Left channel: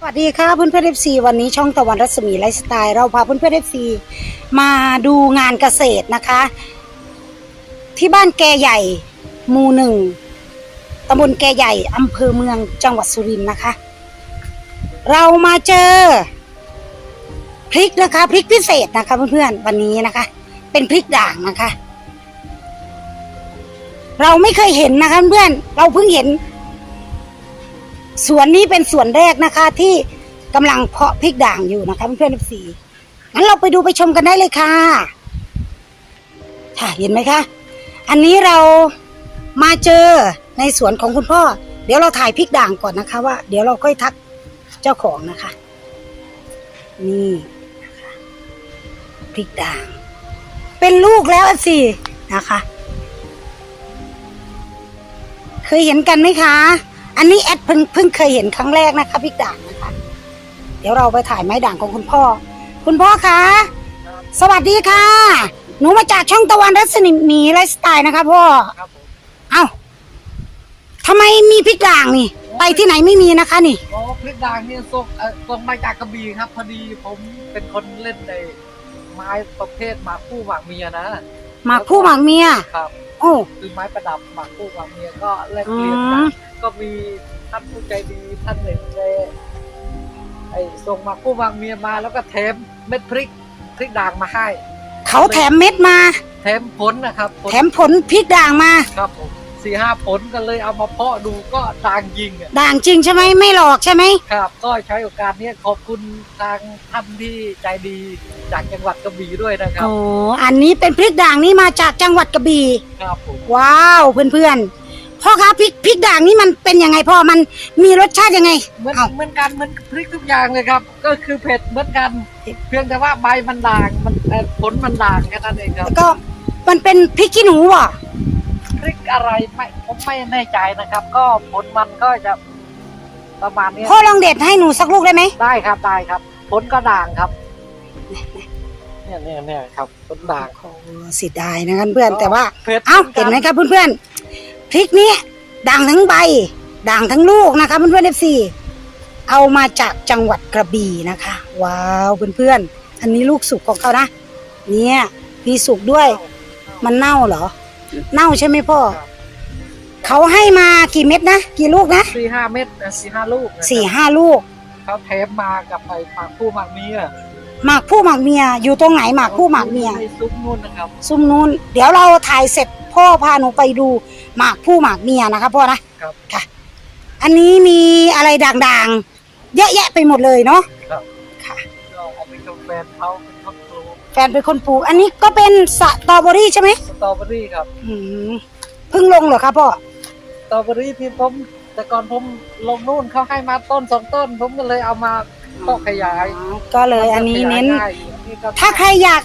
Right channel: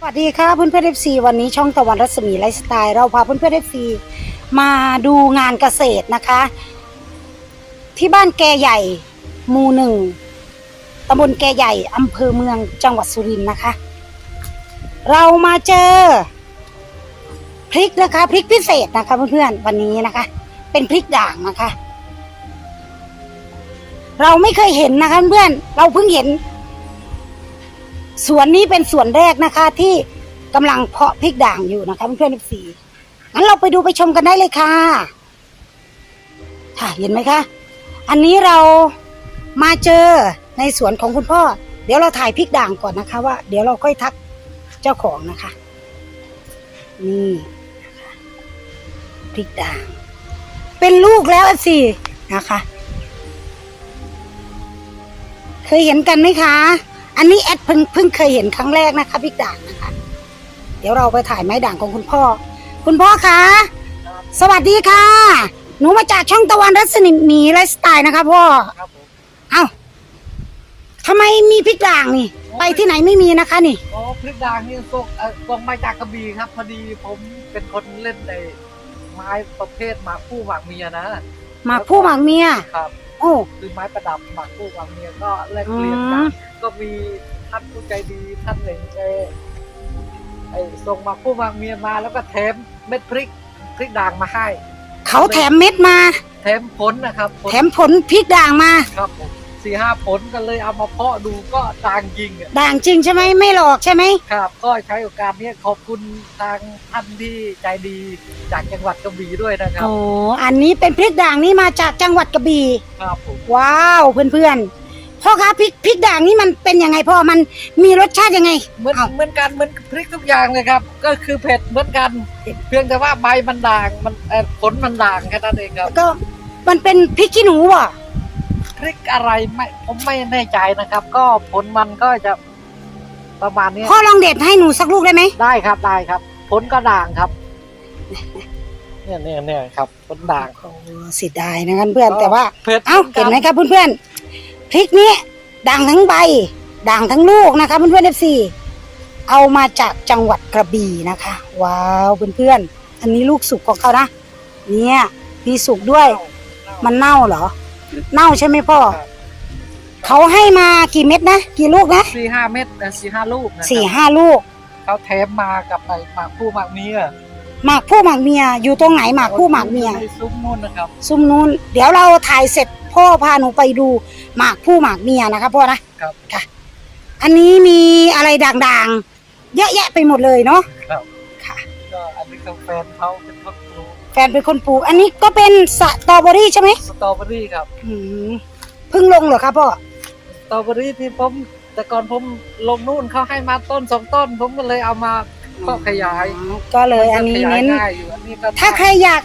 สวัสดีค่ะเพื่อนเพื่อนเอฟซีวันนี้ช่องตะวันรัศมีไลฟ์สไตล์เราพาเพื่อนเพื่อนเอฟซีมาดูงานเกษตรนะคะ ที่บ้านแกใหญ่หมู่หนึ่งตำบลแกใหญ่อำเภอเมืองจังหวัดสุรินทร์นะคะ เรามาเจอพริกนะคะพริกพิเศษนะคะ เพื่อนๆวันนี้นะคะ เป็นพริกด่างนะคะ เราไม่เคยเห็นนะคะเพื่อนเราเพิ่งเห็น สวนนี้เป็นสวนแรกนะคะที่กำลังเพาะพริกด่างอยู่นะคะเพื่อนๆสีงั้นเราไปดูไปชมกันได้เลยค่ะ ค่ะเห็นไหมคะ อันนี้เรามาเจอในสวนของคุณพ่อ เดี๋ยวเราถ่ายพริกด่างก่อนนะคะว่า เดี๋ยวเราค่อยทักเจ้าของนะคะ นี่นะคะพริกด่าง เป็นลูกแล้วสินะคะ เคยเห็นกันไหมคะ อันนี้แอดเพิ่งเพิ่งเคยเห็นครั้งแรกนะคะพริกด่างนะคะ เดี๋ยวเราไปถ่ายไม้ด่างของคุณพ่อ คุณพ่อคะ สวัสดีค่ะ หนูมาจากช่องตะวันรัศมีไลฟ์สไตล์นะคะพ่อครับเอ้าทำไมมีพริกด่างนี่ ไปที่ไหนไม่มีนะคะนี่ อ๋อพริกด่างเนี่ยส่งเอ่อส่งมาจากกระบี่ครับ พอดีผมเป็นคนเล่นในไม้ประเภทหมากคู่หมากเมียนะหมากผู้หมากเมีย ครับ โอ้ คือไม้ประดับหมากคู่หมากเมียก็แลกเปลี่ยนกัอืนม ก็มีท่านผู้ใจดีท่านหนึ่งได้ไอ้ส่งหมากคู่หมากเมียมาแล้วก็แถมเม็ดพริกพริกด่างมาให้เขาแถมเม็ดมา แถมผลนะครับผลแถมผลพริกด่างมาครับสี่ห้าผลก็เลยเอามาเพาะดูก็ด่างยิงอะด่างจริงใช่ไหมไม่หลอกใช่ไหมครับก็ใช้โอกาสเนี้ยขอบคุณทางท่านที่ใจดีจากจังหวัดกระบี่ด้วยนะครับอ๋ออันนี้เป็นพริกด่างนี่มาจากจังหวัดกระบี่ครับผมว้าวเพื่อนๆ พ่อคะพริกพริกด่างนี่มันเป็นยังไงพ่อมันมีรสชาติยังไงเหมือนอ้าวเหมือนกันเหมือนพริกทุกอย่างเลยครับ ก็คือเผ็ดเหมือนกันเพียงแต่ว่าใบมันด่างมันเอ่อผลมันด่างแค่นั้นเองครับก็มันเป็นพริกขี้หนูเหรอพริกอะไรไม่ผมไม่แน่ใจนะครับ ก็ผลมันก็จะประมาณเนี้ยพ่อลองเด็ดให้หนูสักลูกได้ไหมได้ครับได้ครับ ผลก็ด่างครับ เนี่ยเนี่ยเนี่ยครับผลด่างโอ้เสิดายนะครับเพื่อนแต่ว่าเผ็ดเอ้ามืเห็อนกัไหมครับเพื่อนๆ พริกนี้ด่างทั้งใบ ด่างทั้งลูกนะคะเพื่อนๆเอฟซีเอามาจากจังหวัดกระบี่นะคะ ว้าวเพื่อนๆอันนี้ลูกสุกของเขานะเนี่ยมีสุกด้วย มันเน่าเหรอ เน่าใช่ไหมพ่อครับเขาให้มากี่เม็ดนะกี่ลูกนะสี่ห้าเม็ดแต่สี่ห้าลูกนะครับสี่ห้าลูกเขาแถมมากับไอ้หมากผู้หมากเมีย หมากผู้หมากเมียอยู่ตรงไหนหมากผู้หมากเมียในซุ้มนู่นนะครับ ซุ้มนู้น เดี๋ยวเราถ่ายเสร็จพ่อพาหนูไปดูหมากผู้หมากเมียนะคะพ่อนะครับ ค่ะ อันนี้มีอะไรด่างๆ เยอะแยะไปหมดเลยเนาะครับ ค่ะ ก็อันนี้ก็แฟนเขาเป็นคนปลูกแฟนเป็นคนปลูก อันนี้ก็เป็นสตรอเบอรี่ใช่ไหมสตรอเบอรี่ครับ อืมเพิ่งลงเหรอครับพ่อ สตรอเบอรี่ที่ผมแต่ก่อนผมลงนู่นเขาให้มาต้นสองต้น ผมก็เลยเอามา ก็ขยายอ๋อก็เลยอันนี้ขยายเน้นง่ายอยู่อันนี้ก็ถ้าใครอยาก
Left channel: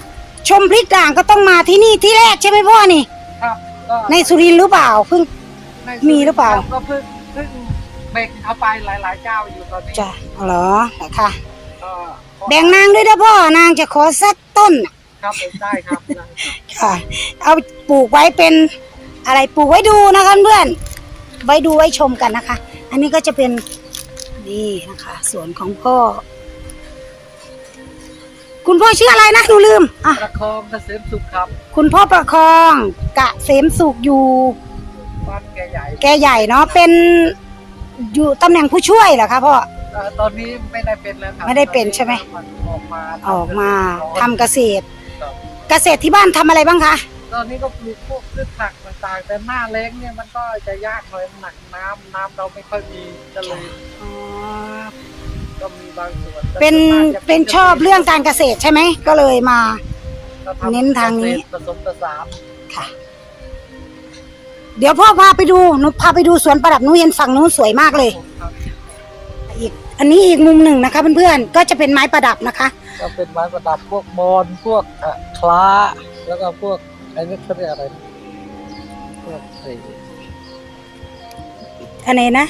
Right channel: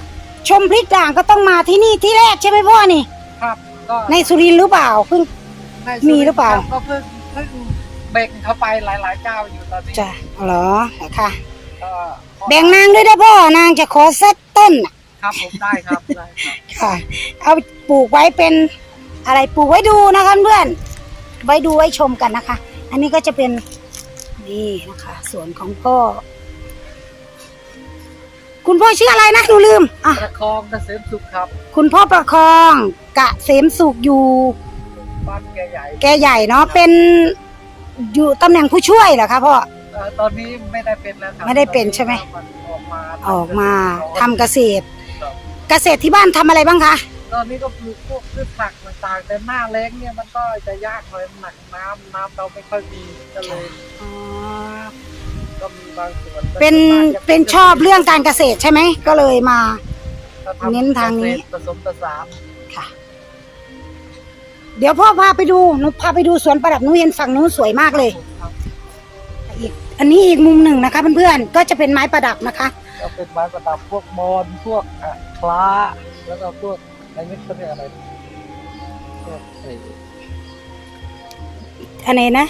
ชมพริกด่างก็ต้องมาที่นี่ที่แรกใช่ไหมพ่อนี่ ครับก็ในสุรินทร์หรือเปล่าเพิ่ง ในมีหรือเปล่าก็เพิ่งเพิ่งแบ่งเขาไปหลายๆเจ้าอยู่ตอนนี้จะเหรอค่ะ ก็แบ่งนางด้วยนะพ่อนางจะขอสักต้นน่ะครับผมได้ครับได้ครับค่ะเอาปลูกไว้เป็นอะไรปลูกไว้ดูนะคะเพื่อนไว้ดูไว้ชมกันนะคะ อันนี้ก็จะเป็น นี่นะคะสวนของพ่อ คุณพ่อชื่ออะไรนะหนูลืมอะประคองเกษมสุขครับคุณพ่อประคองกะเสมสุขอยู่ บ้านแกใหญ่แกใหญ่เนาะเป็นอยู่ตำแหน่งผู้ช่วยเหรอคะพ่อ อ่าตอนนี้ไม่ได้เป็นแล้วครับไม่ได้เป็นใช่ไหม ออกมาออกมาทำเกษตร เกษตรที่บ้านทำอะไรบ้างคะ ตอนนี้ก็ปลูกพวกพืชผัก ต่างๆแต่หน้าแล้งเนี่ยมันก็จะยากหน่อยหนักน้ำน้ำเราไม่ค่อยมีก็เลยต้องมีบางส่วนเป็นเป็นชอบเรื่องการเกษตรใช่ไหม ก็เลยมา ก็ทำเน้นทางนี้ ผสมผสานค่ะ เดี๋ยวพ่อพาไปดูหนูพาไปดูสวนประดับหนูเห็นฝั่งนู้นสวยมากเลยครับอีกอันนี้อีกมุมหนึ่งนะคะเพื่อนๆก็จะเป็นไม้ประดับนะคะ ก็เป็นไม้ประดับพวกมอนพวกอะคล้า แล้วก็พวกไอ้นี่เขาเรียกอะไรพ วกไอ้อันนี้นะ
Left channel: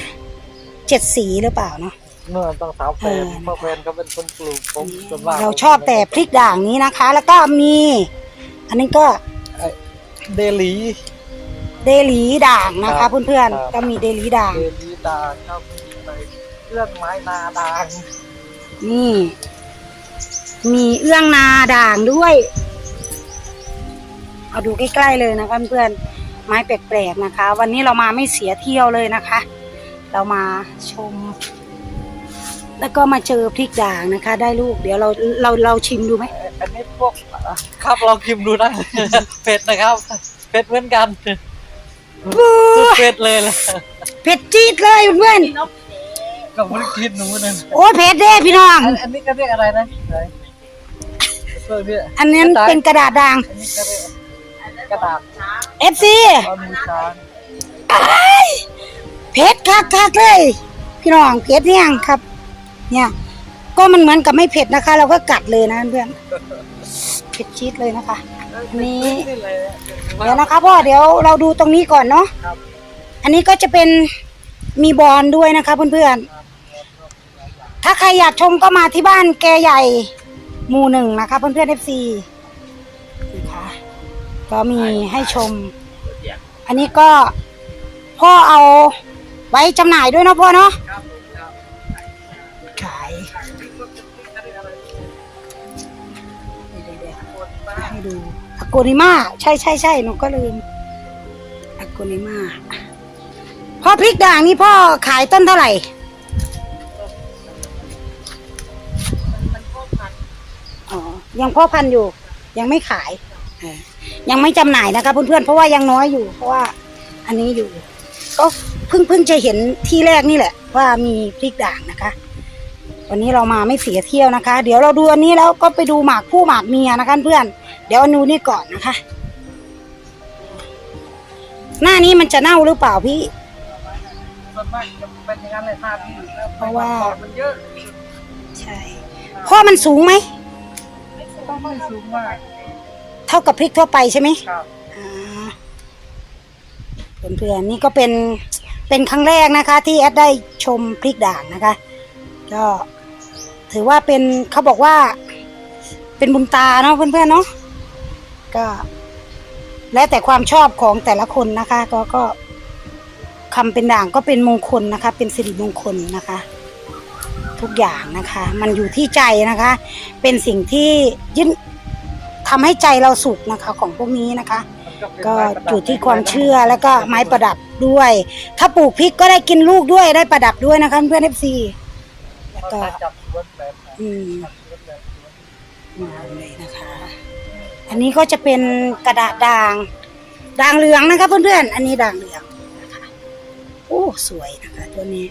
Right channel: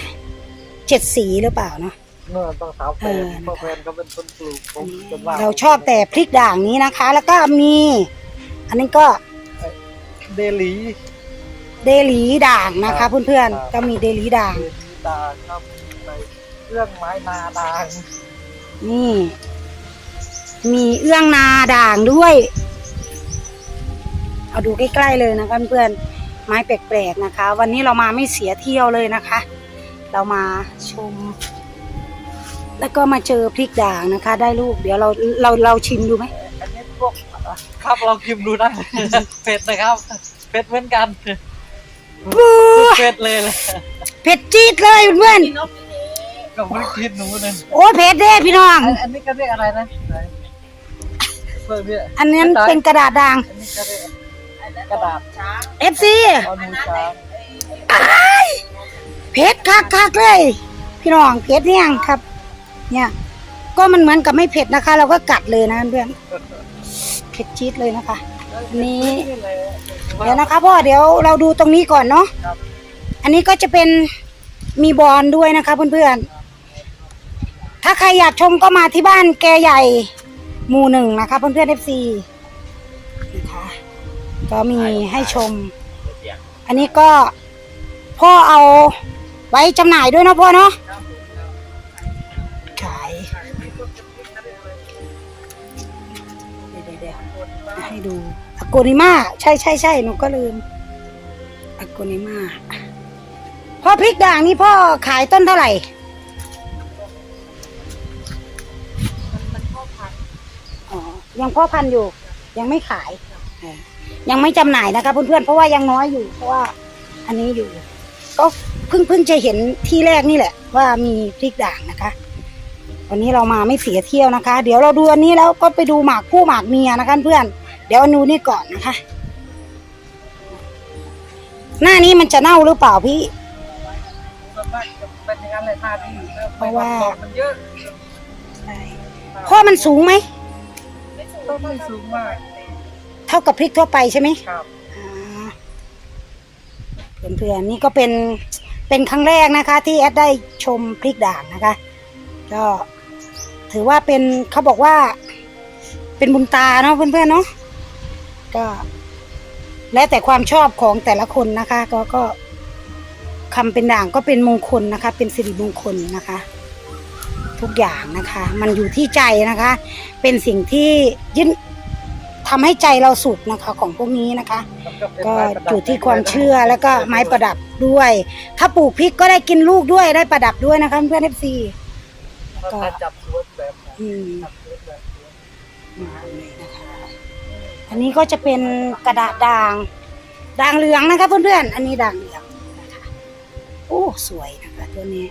เจ็ดสีหรือเปล่าเนาะเมื่อต้องสาวแฟนเออเพราะแฟนเขาเป็นคนปลูกผมส่วนมากเราชอบแต่พริกด่างนี้นะคะ แล้วก็มี อันนี้ก็ไอ้เดลีเดลีด่างนะครัคะบเพื่อนครับๆก็มีเดลีด่างเดลีดาครับไปเรื่องไม้นาดางนี่ มีเอื้องนาด่างด้วย เอาดูใกล้ๆเลยนะคะเพื่อนๆ ไม้แปลกๆนะคะ วันนี้เรามาไม่เสียเที่ยวเลยนะคะ เรามาชม แล้วก็มาเจอพริกด่างนะคะ ได้ลูกเดี๋ยวเราเราเราชิมดูไหมอันนี้พวกครับเราคิมดูนะ เผ็ดนะครับเผ็ดเหมือนกันสุดเผ็ดเลยเลยเผ็ดจี๊ดเลยเพื่อนกับไม่ได้กินหนูนึงๆโอ้เผ็ดเด้พี่น้องอันนี้ก็เรียกอะไรนะไหนเพื่อเนี่ยอันนี้เป็นกระดาษด่างอันนี้ก็เรียก กระดาษ FC เอามือช้างอ้ายเผ็ดคักคักๆเลย พี่น้องเผ็ดเนี่ยงครับ เนี่ย ก็มันเหมือนกับไม่เผ็ดนะคะ เราก็กัดเลยนะเพื่อนเผ็ดจี๊ดเลยนะคะอันนี้นี่เลยเดี๋ยวนะคะพ่อเดี๋ยวเราดูตรงนี้ก่อนเนาะครับอันนี้ก็จะเป็นมีบอลด้วยนะคะเพื่อนๆถ้าใครอยากชมก็มาที่บ้านแกใหญ่หมู่หนึ่งนะคะเพื่อนๆ FC นะคะ ก็มีให้ชม อันนี้ก็พ่อเอาไว้จำหน่ายด้วยนะพ่อเนาะขายให้ดูอโกนิมาใช่ใช่ใช่หนูก็ลืมอโกนิมาพ่อพริกด่างนี่พ่อขายต้นเท่าไหร่อ๋อยังพ่อพันอยู่ยังไม่ขายอ่า ยังไม่จำหน่ายนะคะเพื่อนๆเพราะว่ายังน้อยอยู่ เพราะว่าอันนี้อยู่ ก็เพิ่งเพิ่งจะเห็นที่แรกนี่แหละ ว่ามีพริกด่างนะคะ วันนี้เรามาไม่เสียเที่ยวนะคะ เดี๋ยวเราดูอันนี้แล้วก็ไปดูหมากผู้หมากเมียนะคะเพื่อนเดี๋ยวเอานูนี่ก่อนนะคะ หน้านี้มันจะเน่าหรือเปล่าพี่ส่วนมากจะเป็นอย่างนั้นเลยหน้าที่เพราะว่าตอกมันเยอะใช่พ่อมันสูงไหมต้องไม่สูงมากเท่ากับพริกทั่วไปใช่ไหมครับอ่าเพื่อนๆนี่ก็เป็นเป็นครั้งแรกนะคะ ที่แอดได้ชมพริกด่างนะคะ ก็ถือว่าเป็นเขาบอกว่า เป็นบุญตาเนาะเพื่อนๆเนาะก็แล้วแต่ความชอบของแต่ละคนนะคะ ก็ก็คำเป็นด่างก็เป็นมงคลนะคะ เป็นสิริมงคลนะคะ ทุกอย่างนะคะ มันอยู่ที่ใจนะคะ เป็นสิ่งที่ยึด ทำให้ใจเราสุขนะคะของพวกนี้นะคะมันก็เป็นก็ไม้ประดับอยู่ที่ความเชื่อแล้วก็ไม้ประดับด้วย ถ้าปลูกพริกก็ได้กินลูกด้วยได้ประดับด้วยนะคะเพื่อนเอฟซีแล้วก็ถ้าจับสวนแบบไหนอืมจับสวนแบบสวนมาเลยนะคะอันนี้ก็จะเป็นกระดาษด่างด่างเหลืองนะคะเพื่อนๆอันนี้ด่างเหลืองนะคะโอ้สวยนะคะตัวนี้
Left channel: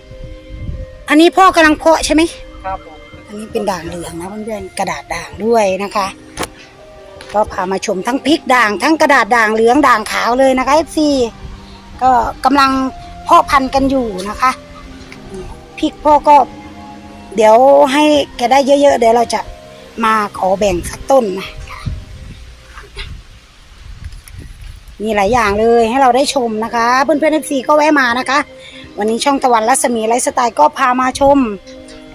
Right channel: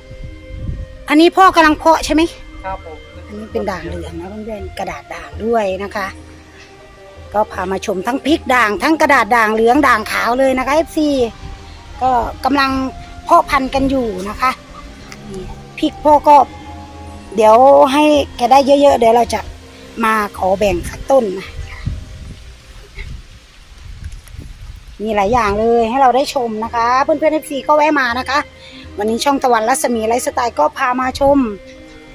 อันนี้พ่อกำลังเพาะใช่ไหมครับผมอันนี้เป็นด่างเหลืองนะเพื่อนๆกระดาษด่างด้วยนะคะ ก็พามาชมทั้งพริกด่าง ทั้งกระดาษด่างเหลืองด่างขาวเลยนะคะ FC ก็กำลังเพาะพันธุ์กันอยู่นะคะพริกพ่อก็เดี๋ยวให้แกได้เยอะๆเดี๋ยวเราจะมาขอแบ่งสักต้นนะมีหลายอย่างเลยให้เราได้ชมนะคะ เพื่อนๆ FC ก็แวะมานะคะ วันนี้ช่องตะวันรัศมีไลฟ์สไตล์ก็พามาชม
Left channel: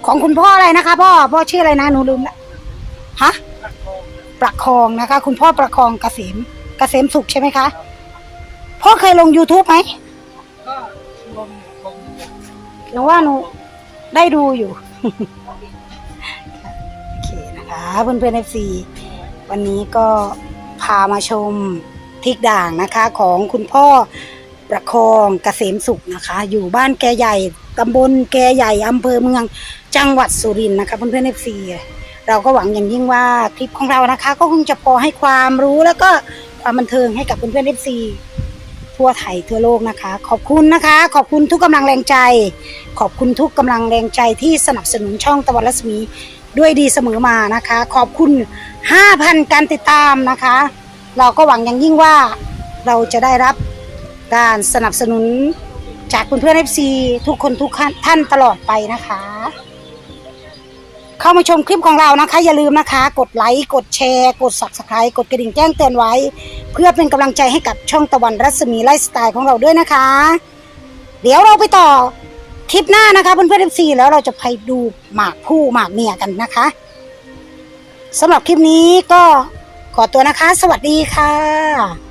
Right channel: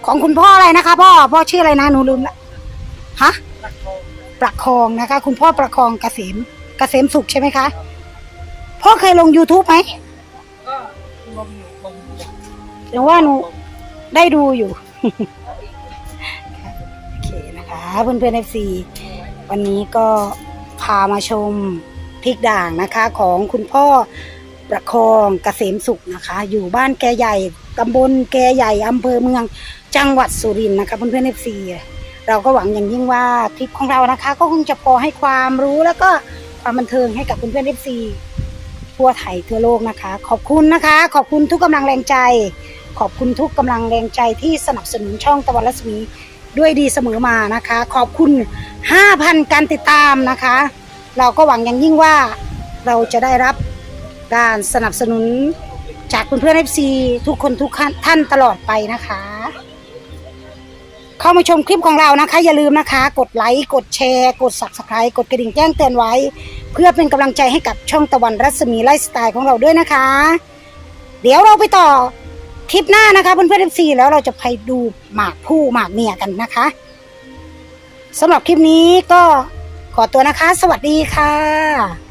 ของคุณพ่ออะไรนะคะพ่อพ่อชื่ออะไรนะหนูลืมละฮะ ประคองนะคะ คุณพ่อประคองเกษมเกษมสุขใช่ไหมคะพ่อเคยลง YouTube ไหมก็ลงลงหนูว่าหนูได้ดูอยู่ โอเคนะคะเพื่อนเพื่อนเอฟซีวันนี้ก็พามาชมพริกด่างนะคะ ของคุณพ่อประคองเกษมสุขนะคะ อยู่บ้านแกใหญ่ตำบลแกใหญ่อำเภอเมืองจังหวัดสุรินทร์นะคะเพื่อนเพื่อนเอฟซี เราก็หวังอย่างยิ่งว่าคลิปของเรานะคะ ก็คงจะพอให้ความรู้แล้วก็ความบันเทิงให้กับเพื่อนเพื่อนเอฟซีทั่วไทยทั่วโลกนะคะ ขอบคุณนะคะ ขอบคุณทุกกำลังแรงใจ ขอบคุณทุกกำลังแรงใจที่สนับสนุนช่องตะวันรัศมีด้วยดีเสมอมานะคะ ขอบคุณ 5,000 การติดตามนะคะ เราก็หวังอย่างยิ่งว่าเราจะได้รับการสนับสนุนจากเพื่อนๆ FC ทุกคนทุกท่านตลอดไปนะคะ เข้ามาชมคลิปของเรานะคะ อย่าลืมนะคะ กดไลค์กดแชร์ กด subscribe กดกระดิ่งแจ้งเตือนไว้ เพื่อเป็นกำลังใจให้กับช่องตะวันรัศมีไลฟ์สไตล์ของเราด้วยนะคะ เดี๋ยวเราไปต่อคลิปหน้านะคะเพื่อนเพื่อนซีแล้วเราจะไปดูหมากผู้หมากเมียกันนะคะสำหรับคลิปนี้ก็ขอตัวนะคะ สวัสดีค่ะ